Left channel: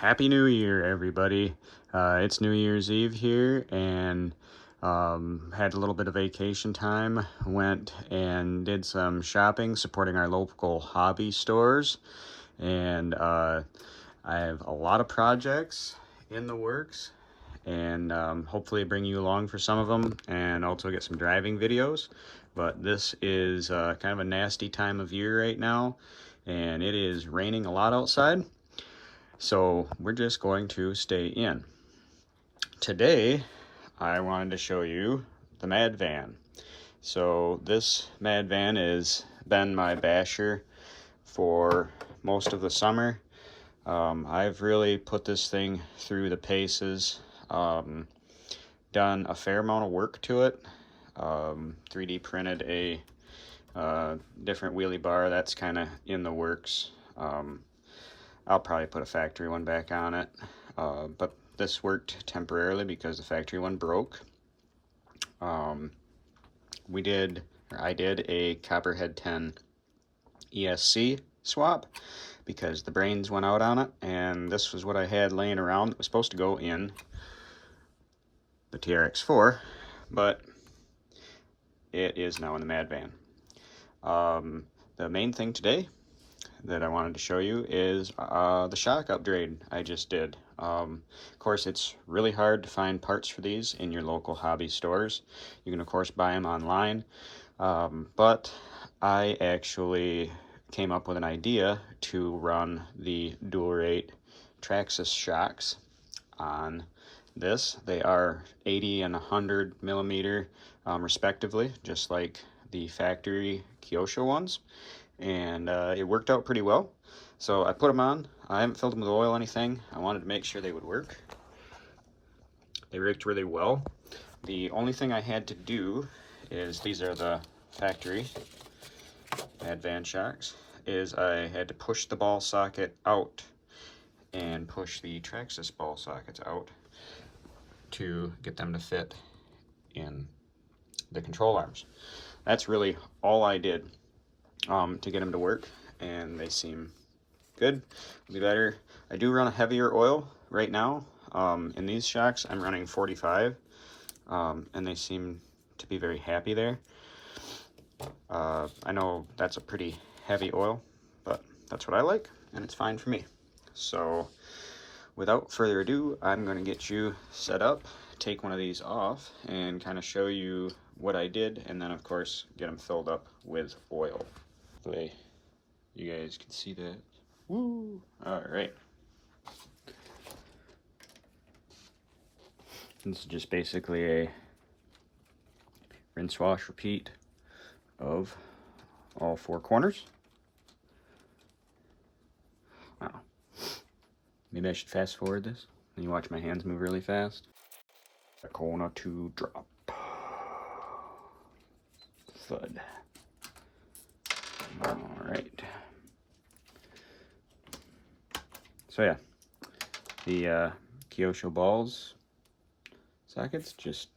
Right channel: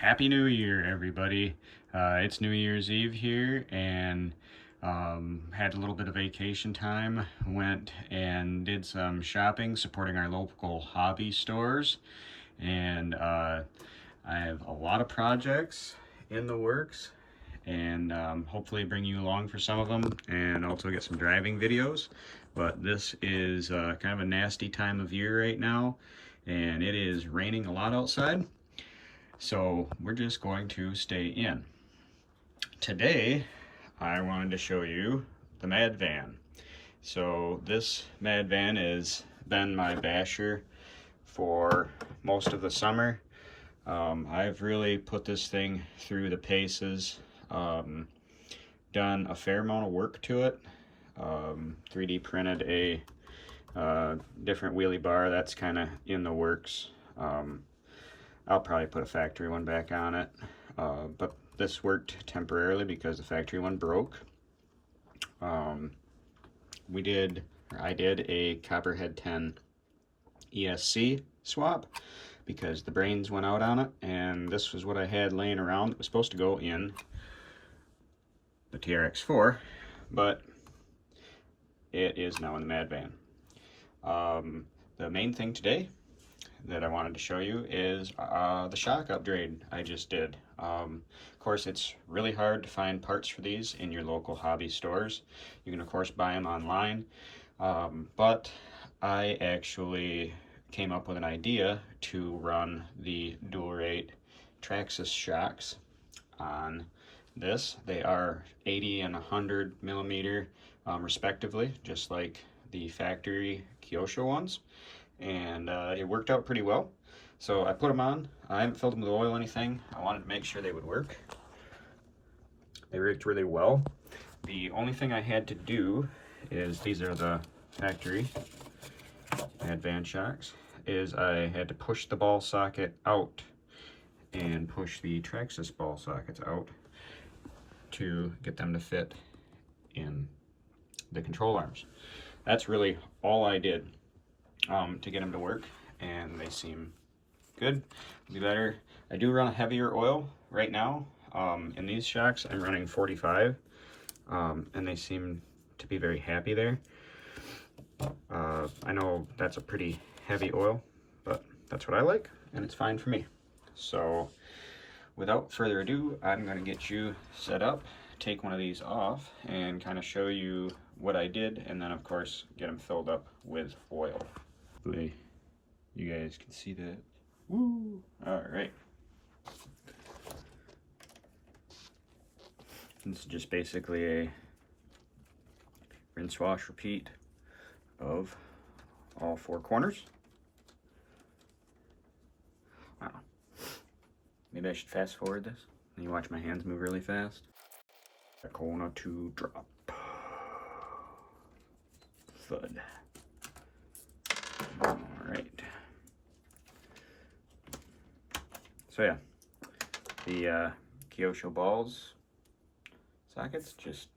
Happy New Year, everybody. It's New Year's Eve here, and had a little bit of vacation time. Went and did some shopping, supporting our local hobby stores. And I have a lot of projects in the works, and hopefully bring you along for some of them, and also get some driving videos. But this is kind of a nasty time of year right now, and it is raining a lot outside. So we're just going to stay in. Today, I wanted to show you the Mad Van. So this Mad Van has been my basher for most of the summer. I've really put this thing through the paces, done a fair amount of work to it, 3D printed a different wheelie bar. That's kind of in the works. I'll probably put a factory one back on it, but this worked temporarily because the factory one broke. I did a Copperhead 10 ESC swap because the brains went out on it, and this was what I had laying around. It was supposed to go in the TRX4, but it is now in the Mad Van. The main thing today that I wanted to show you is the shock upgrade I just did. Of course, it's really hard to find parts for these in your local hobby stores. You can of course buy them online, but I actually came up with an idea to run the dual rate Traxxas shocks on this. They are 80 and 100 millimeter respectively, just like the factory Kyosho ones, and it worked out pretty well. So I put them on. I haven't filled them with oil or anything. I wanted to make sure they would work. They worked really well. The only thing I had to do is, these are the factory Mad Van shocks, is I had to push the ball socket out and push the Traxxas ball sockets out to get them to fit in the control arms. That's really all I did to get them to work, and they seem good. It'll be better. I do run a heavier oil right now. In these shocks, I'm running 45, and they seem to be very happy there. I know that's a pretty heavy oil, but that's what I like, and it's fine for me. So without further ado, I'm going to get you set up, take one of these off, and kind of show you what I did, and then of course get them filled up with oil. Hopefully you guys can see that. Woo! All right. This is just basically a rinse, wash, repeat of all four corners. Now, maybe I should fast forward this and you watch my hands move really fast. A corner to drop. Thud. All right. So yeah, the Kyosho balls sockets just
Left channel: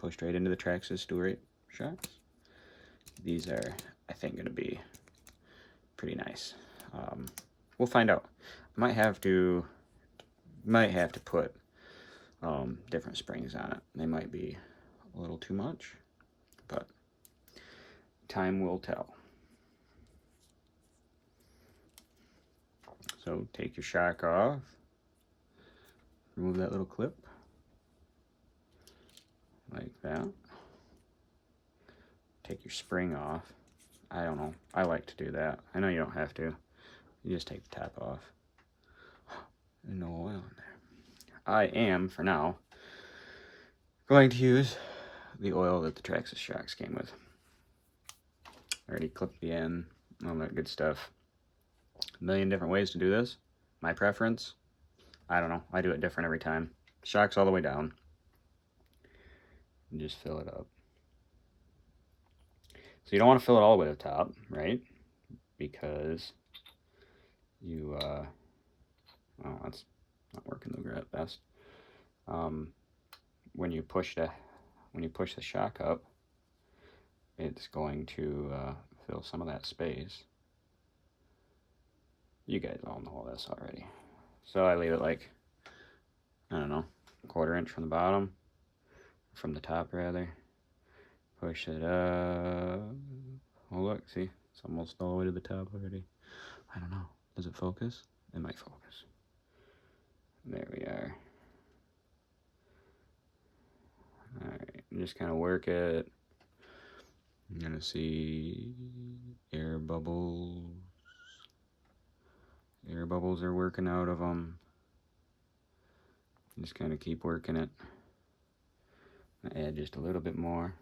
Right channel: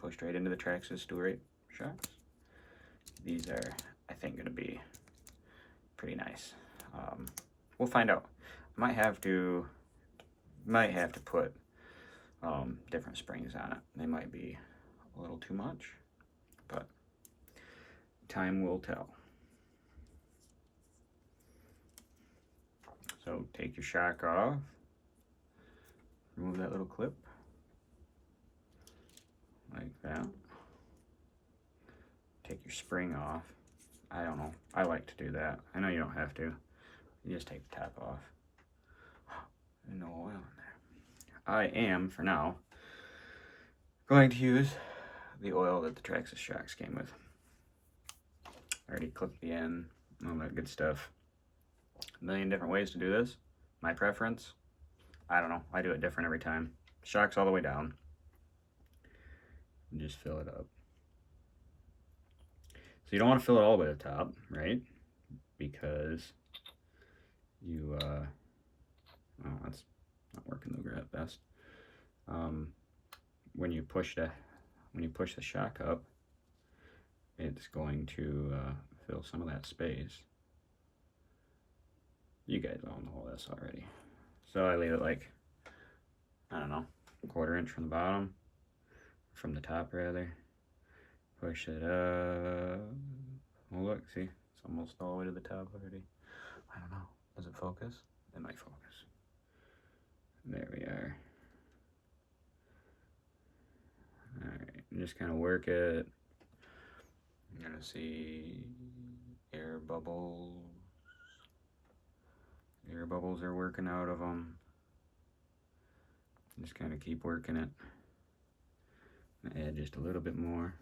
pushed right into the Traxxas dual rate shocks. These are, I think, going to be pretty nice. We'll find out. I might have to put different springs on it. They might be a little too much, but time will tell. So take your shock off, remove that little clip, like that. Take your spring off. I don't know, I like to do that. I know you don't have to. You just take the top off. No oil in there. I am, for now, going to use the oil that the Traxxas shocks came with. Already clipped the end, all that good stuff. A million different ways to do this. My preference, I don't know, I do it different every time. Shocks all the way down. And just fill it up. So you don't want to fill it all the way to the top, right? Because you, oh, that's not working the best. When you push the shock up, it's going to fill some of that space. You guys all know this already. So I leave it like, I don't know, a 1/4 inch from the bottom, from the top rather. Push it up. Oh look, see, it's almost all the way to the top already. I don't know, does it focus? It might focus. There we are. Alright, just kind of work it. You're gonna see air bubbles. Air bubbles are working out of them. Just kind of keep working it. Add just a little bit more.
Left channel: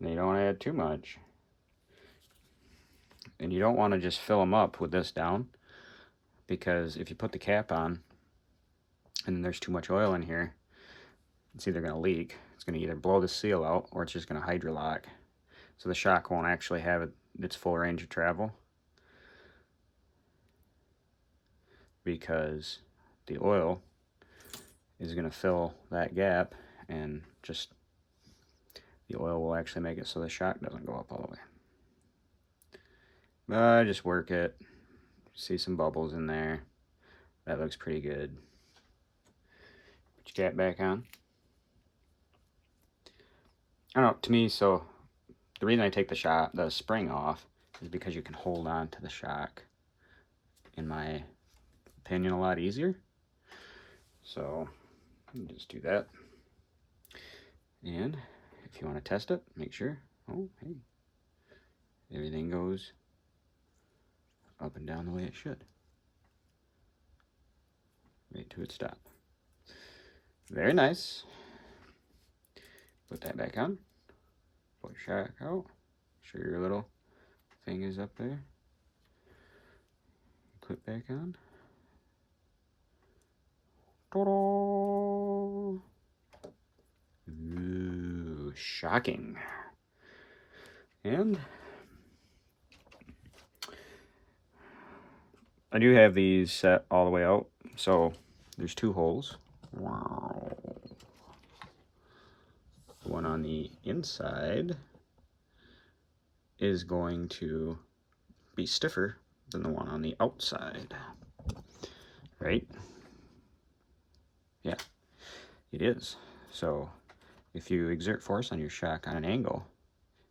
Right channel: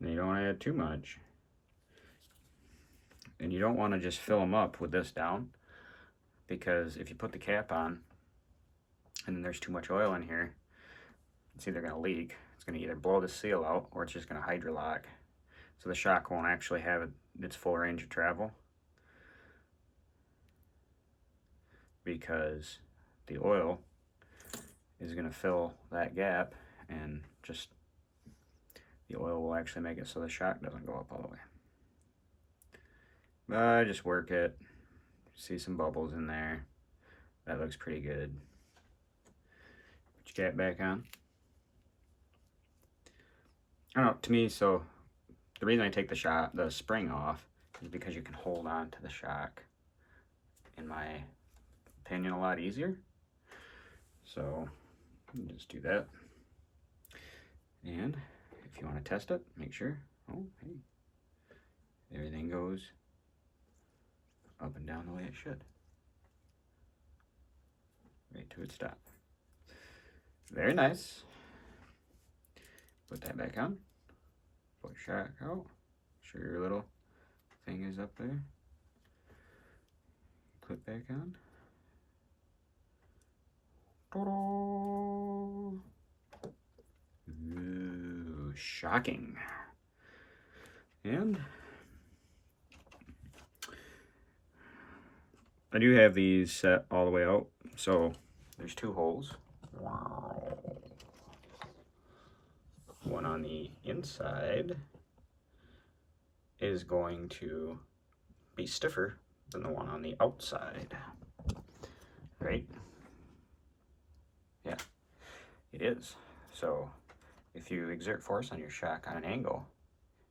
And you don't add too much. And you don't want to just fill them up with this down, because if you put the cap on and there's too much oil in here, it's either going to leak, it's going to either blow the seal out, or it's just going to hydrolock. So the shock won't actually have its full range of travel, because the oil is going to fill that gap, and just the oil will actually make it so the shock doesn't go up all the way. But just work it. See some bubbles in there. That looks pretty good. Put your cap back on. I don't know, to me, so the reason I take the spring off is because you can hold on to the shock, in my opinion, a lot easier. So just do that. And if you want to test it, make sure, oh hey, everything goes up and down the way it should, right to its stop. Very nice. Put that back on. Pull your shock out. Sure your little thing is up there. Clip back on. Ta-da! Ooh, shocking. And I do have these set all the way out, so there's 2 holes. Wow. One on the inside is going to be stiffer than the one on the outside, right? Yeah, it is. So if you exert force on your shock on an angle,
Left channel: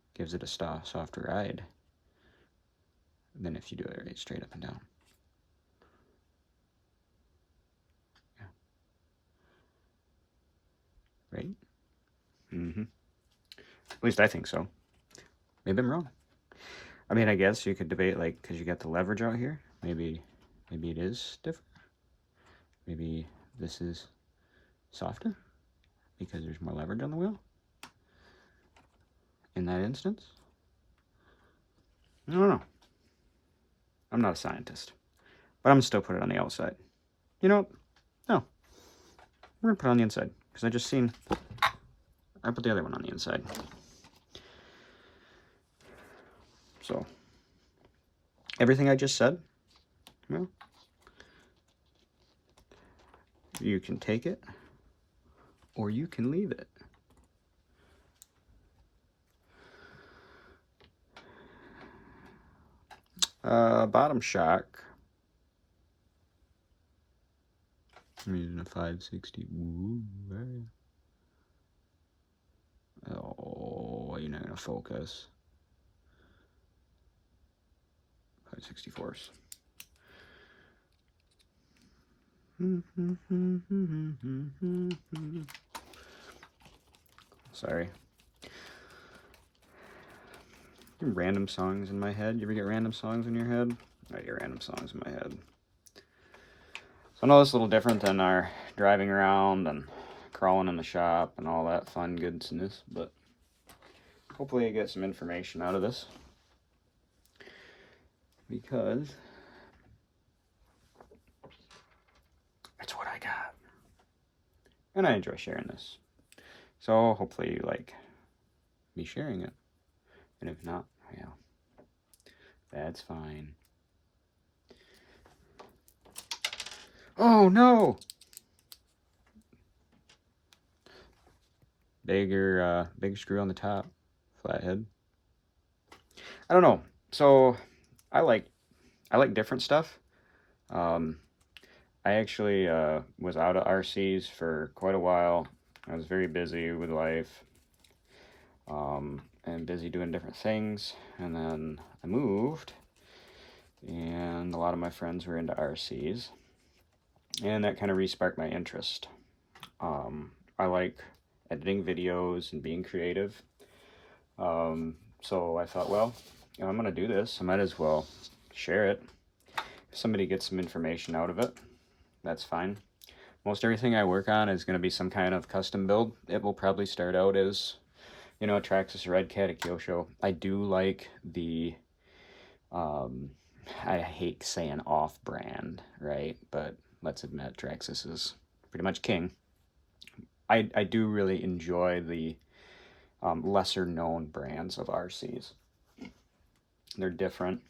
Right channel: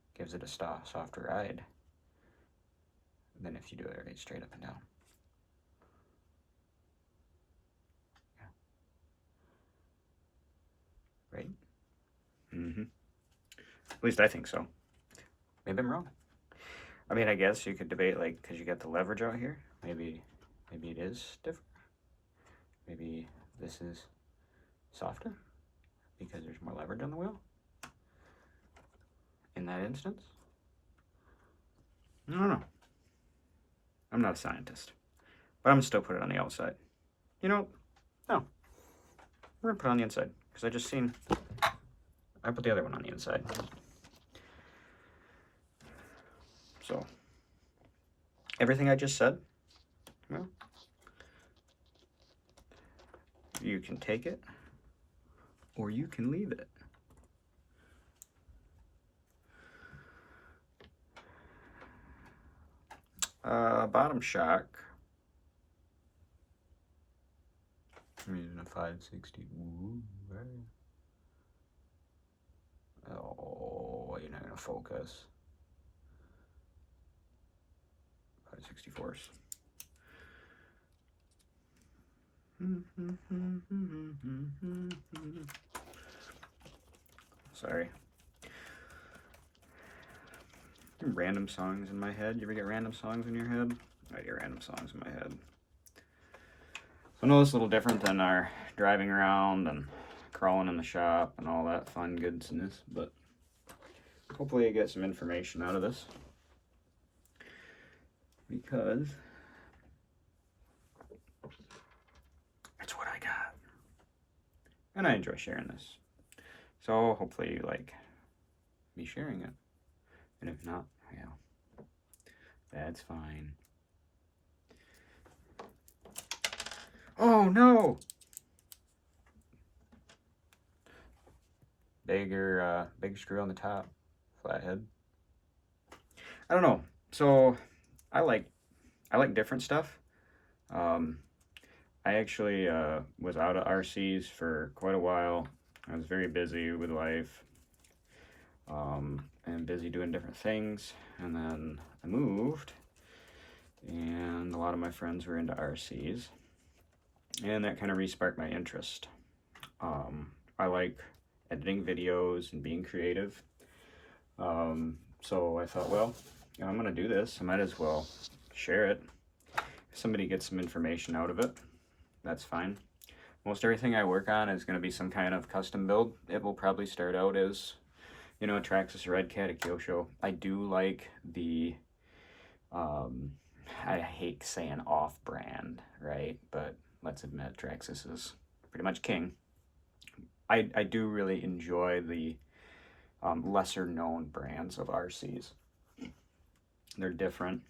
it gives it a softer ride than if you do it right straight up and down. Right? Mm-hmm. At least I think so. Maybe I'm wrong. I mean, I guess you could debate, like, because you got the leverage out here, maybe it is stiffer. Maybe this is softer because there's more leverage on the wheel in that instance. I don't know. I'm not a scientist, but I'm gonna still put it on the outside. You know, no, we're gonna put it on the inside, because I just seen I put the other one on the inside. So everything I just said, well, you can take it or you can leave it. Bottom shock, I'm using a 560. Ooh, right. Oh, you're not gonna focus. 5/64. Sorry. Random songs in my head. You ever get random songs in your head? I get random songs in my head. So I know it's a little different than our driving around and crawling in the shop and all that fun goodness, but hopefully you get some information out of this, because it's what I got. And I enjoy sharing this. So hopefully you like me sharing it. And if not, yeah, that's fine. Oh no! Big screw on the top, flathead. I don't know. So I like different stuff, I actually was out of RCs for quite a while. I was very busy with life, and busy doing different things, and then I moved, and a lot of my friends were into RCs, and that kind of re-sparked my interest. I like editing videos and being creative, so I thought, well, you know, I'm gonna do this, I might as well share it. If somebody gets some information out of it, that's fine. Most everything I work on is going to be some kind of custom build. It will probably start out as, you know, a Traxxas Red Cat, a Kyosho. I do like the, I hate saying off-brand, right? But let's admit Traxxas is pretty much king. I do really enjoy the lesser known brands of RCs. They're different.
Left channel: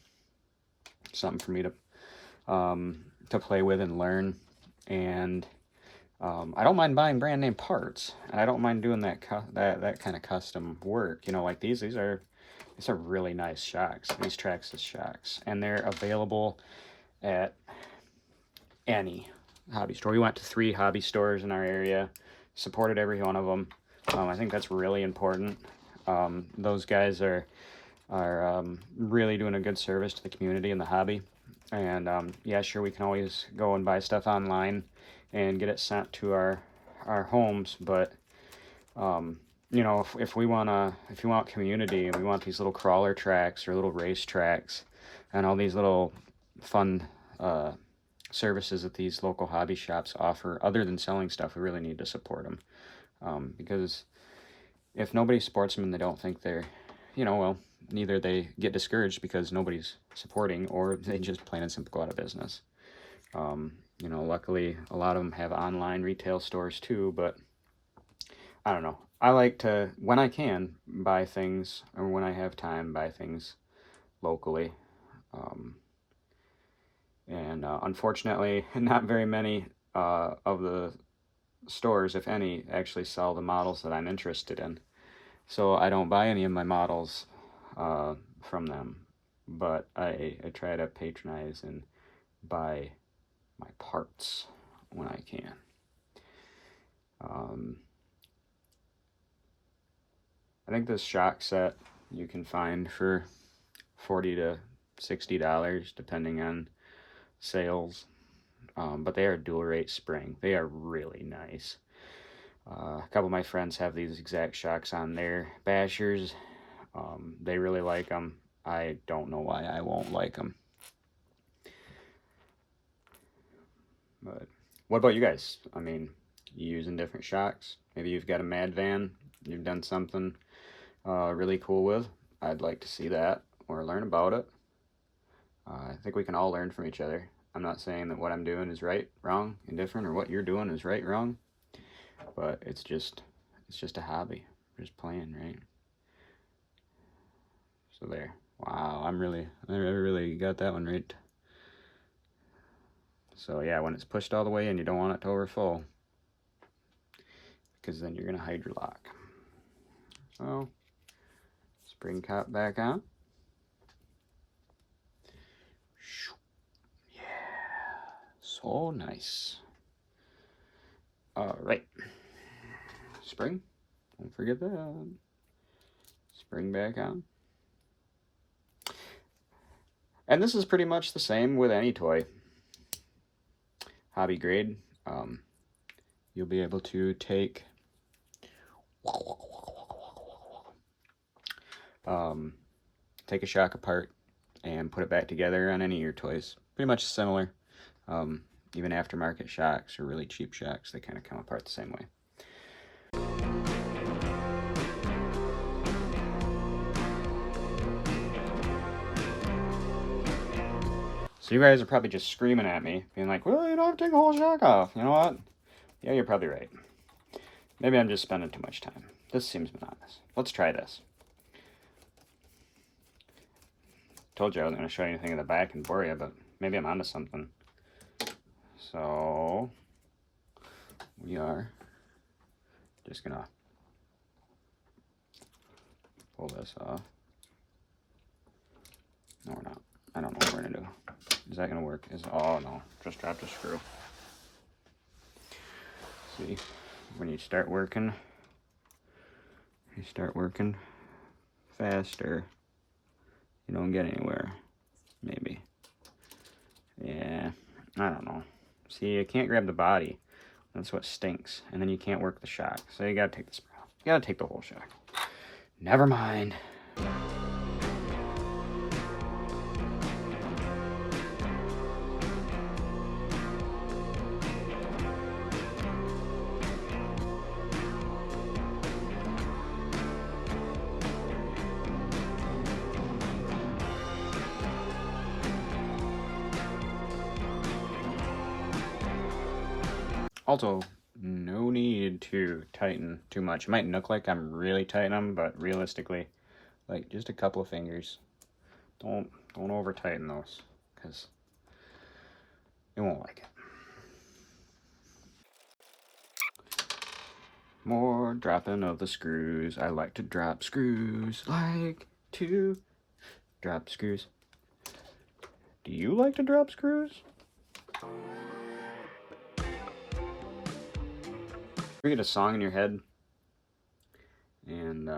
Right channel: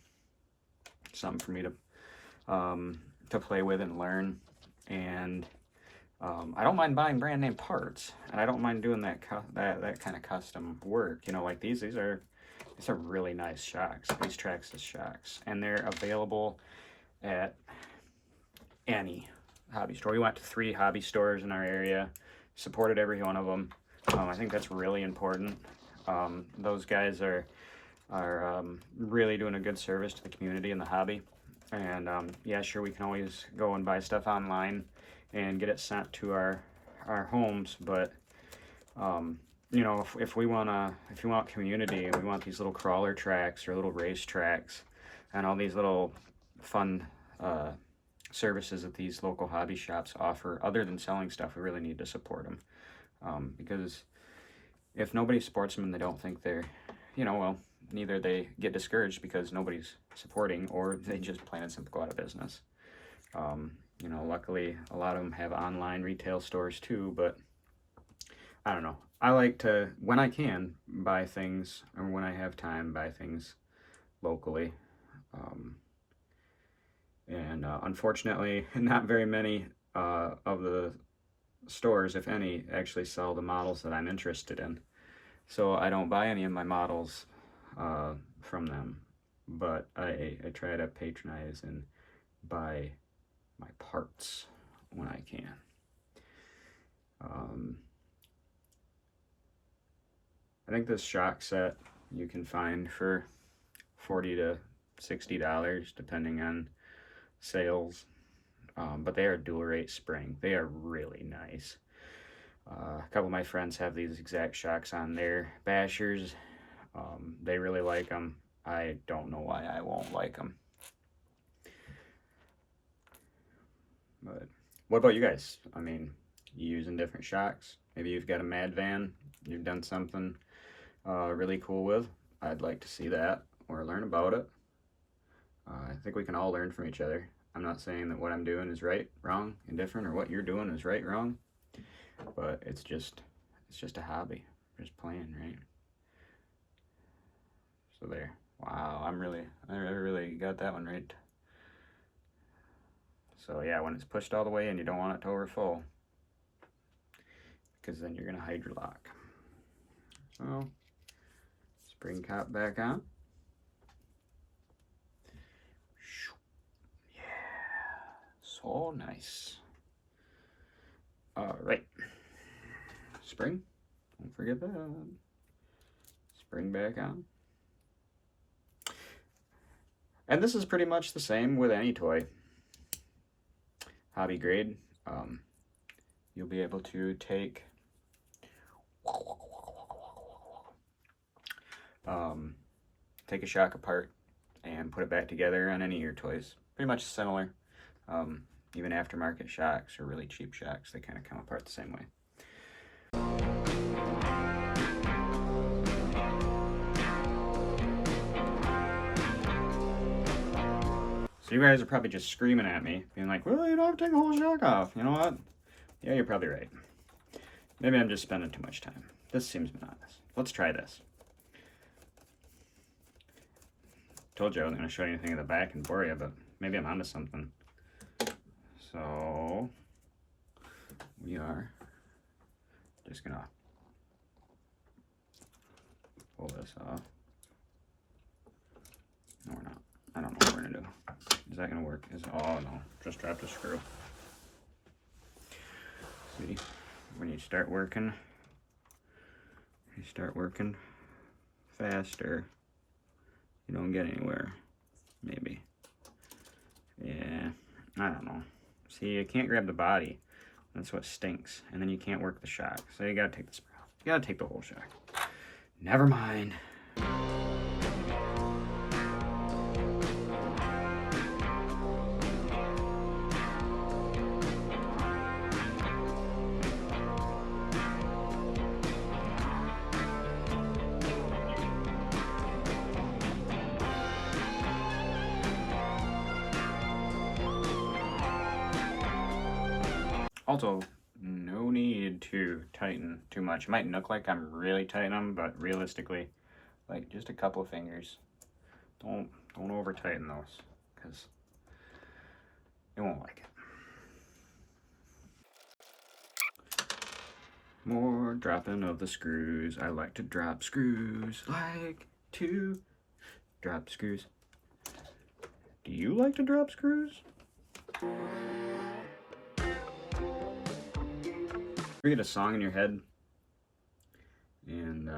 Something for me to play with and learn. And I don't mind buying brand name parts, and I don't mind doing that kind of custom work. You know, like these are really nice shocks. These Traxxas shocks, and they're available at any hobby store. We went to 3 hobby stores in our area, supported every one of them. I think that's really important. Those guys are really doing a good service to the community and the hobby. And yeah, sure, we can always go and buy stuff online and get it sent to our homes, but you know, if you want community, and we want these little crawler tracks or little race tracks and all these little fun services that these local hobby shops offer, other than selling stuff, we really need to support them, because if nobody supports them and they don't think they're, you know, well, either they get discouraged because nobody's supporting, or they just plain and simple go out of business. You know, luckily a lot of them have online retail stores too, but I don't know. I like to, when I can, buy things, or when I have time, buy things locally. And unfortunately, not very many of the stores, if any, actually sell the models that I'm interested in. So I don't buy any of my models from them, but I try to patronize and buy my parts when I can. I think this shock set you can find for $40 to $60 depending on sales, but they are dual rate spring. They are really nice. A couple of my friends have these exact shocks on their bashers. They really like them. I don't know why I won't like them. But what about you guys? I mean, you using different shocks? Maybe you've got a Mad van you've done something really cool with. I'd like to see that or learn about it. I think we can all learn from each other. I'm not saying that what I'm doing is right, wrong, indifferent, or what you're doing is right, wrong, but it's just a hobby. We're just playing, right? So there. Wow, I really got that one right. So yeah, when it's pushed all the way in, you don't want it to overflow, because then you're gonna hydrolock. So spring cap back on. Yeah, so nice. All right, spring. Don't forget that. Spring back on. And this is pretty much the same with any toy. Hobby grade. You'll be able to take take a shock apart and put it back together on any of your toys. Pretty much similar. Even aftermarket shocks or really cheap shocks, they kind of come apart the same way. So you guys are probably just screaming at me, being like, well, you don't have to take the whole shock off. You know what? Yeah, you're probably right. Maybe I'm just spending too much time. This seems monotonous. Let's try this. Told you I wasn't going to show you anything in the back and bore you, but maybe I'm onto something. So we are just going to pull this off. No, we're not. I don't know what we're gonna do. Is that gonna work? Oh no, just dropped a screw. See, when you start working faster, you don't get anywhere. Maybe. Yeah, I don't know. See, you can't grab the body. That's what stinks. And then you can't work the shock. So you gotta take the sprue. You gotta take the whole shock. Never mind. Also, no need to tighten too much. It might look like I'm really tightening them, but realistically, like just a couple of fingers. Don't over tighten those, because you won't like it. More dropping of the screws. I like to drop screws. Like to drop screws. Do you like to drop screws? You get a song in your head and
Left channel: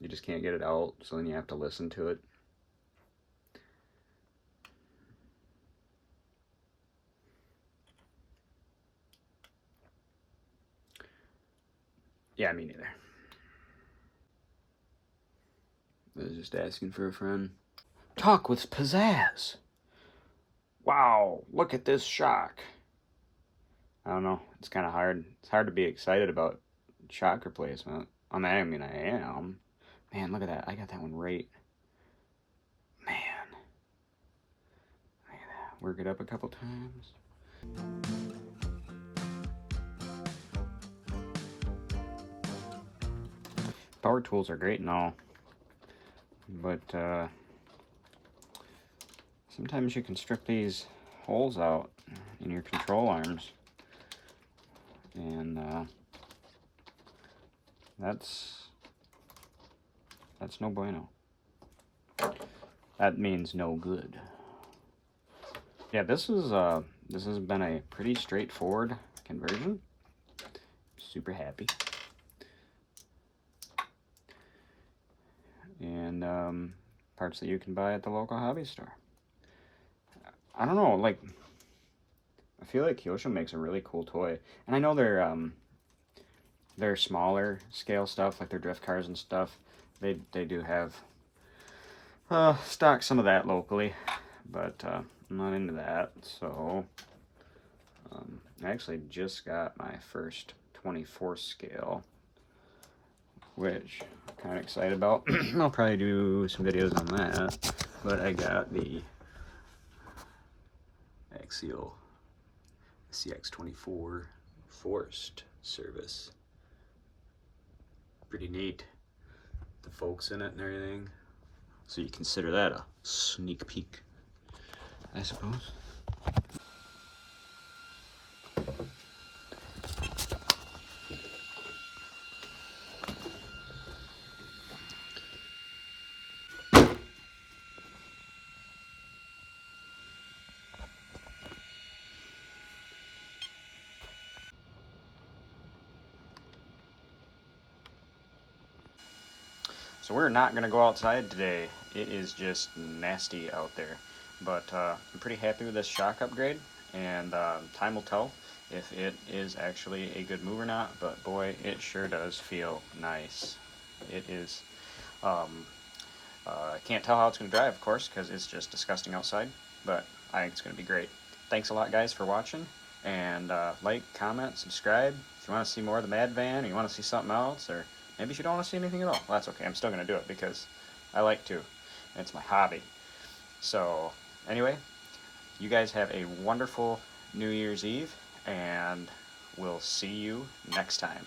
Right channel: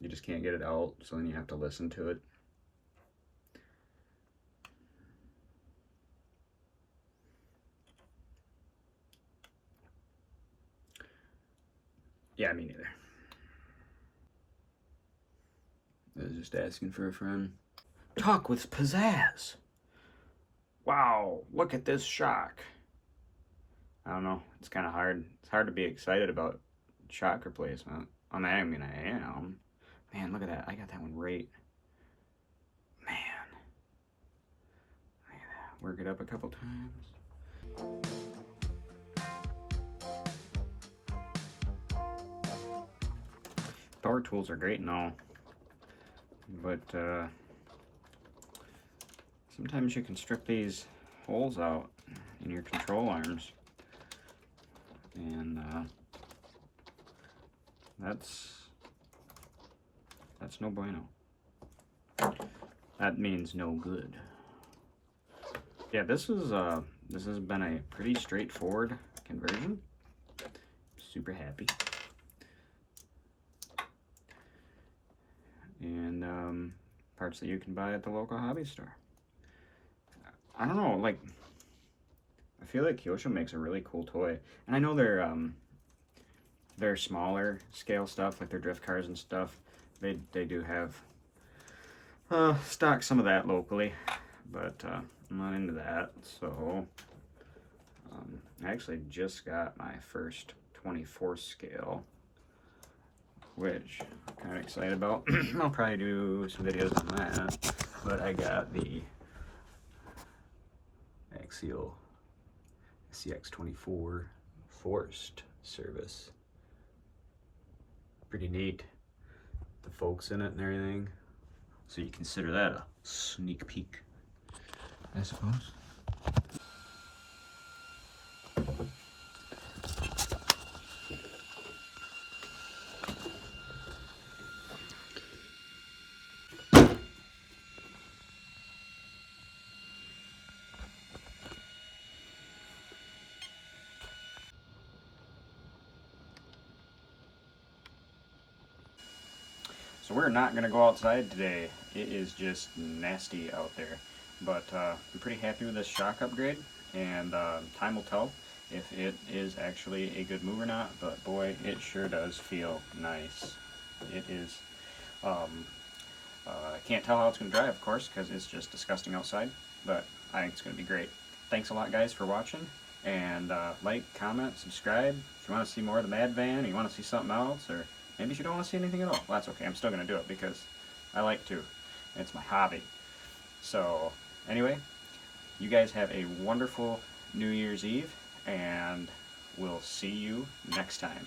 you just can't get it out, so then you have to listen to it. Yeah, me neither. I was just asking for a friend. Talk with pizzazz. Wow, look at this shock. I don't know, it's kind of hard. It's hard to be excited about shock replacement. I mean, I am. Man, look at that. I got that one right. Man. Look at that. Work it up a couple times. Power tools are great and all, but sometimes you can strip these holes out in your control arms, and that's no bueno. That means no good. Yeah, this has been a pretty straightforward conversion. Super happy. And parts that you can buy at the local hobby store. I don't know, like, I feel like Kyosho makes a really cool toy, and I know they're smaller scale stuff, like their drift cars and stuff. They do have stock some of that locally, but I'm not into that. So I actually just got my first 24 scale, which I'm kind of excited about. I'll probably do some videos on that, but I got the Axial CX24 forced service. Pretty neat. The folks in it and everything. So you consider that a sneak peek, I suppose. So we're not going to go outside today. It is just nasty out there. But I'm pretty happy with this shock upgrade, and time will tell if it is actually a good move or not, but boy, it sure does feel nice. It is, I can't tell how it's going to drive, of course, because it's just disgusting outside, but I think it's going to be great. Thanks a lot, guys, for watching, and like, comment, subscribe. If you want to see more of the Mad Van, or you want to see something else, or maybe you don't want to see anything at all. Well, that's okay. I'm still going to do it because I like to. It's my hobby. So, anyway, you guys have a wonderful New Year's Eve, and we'll see you next time.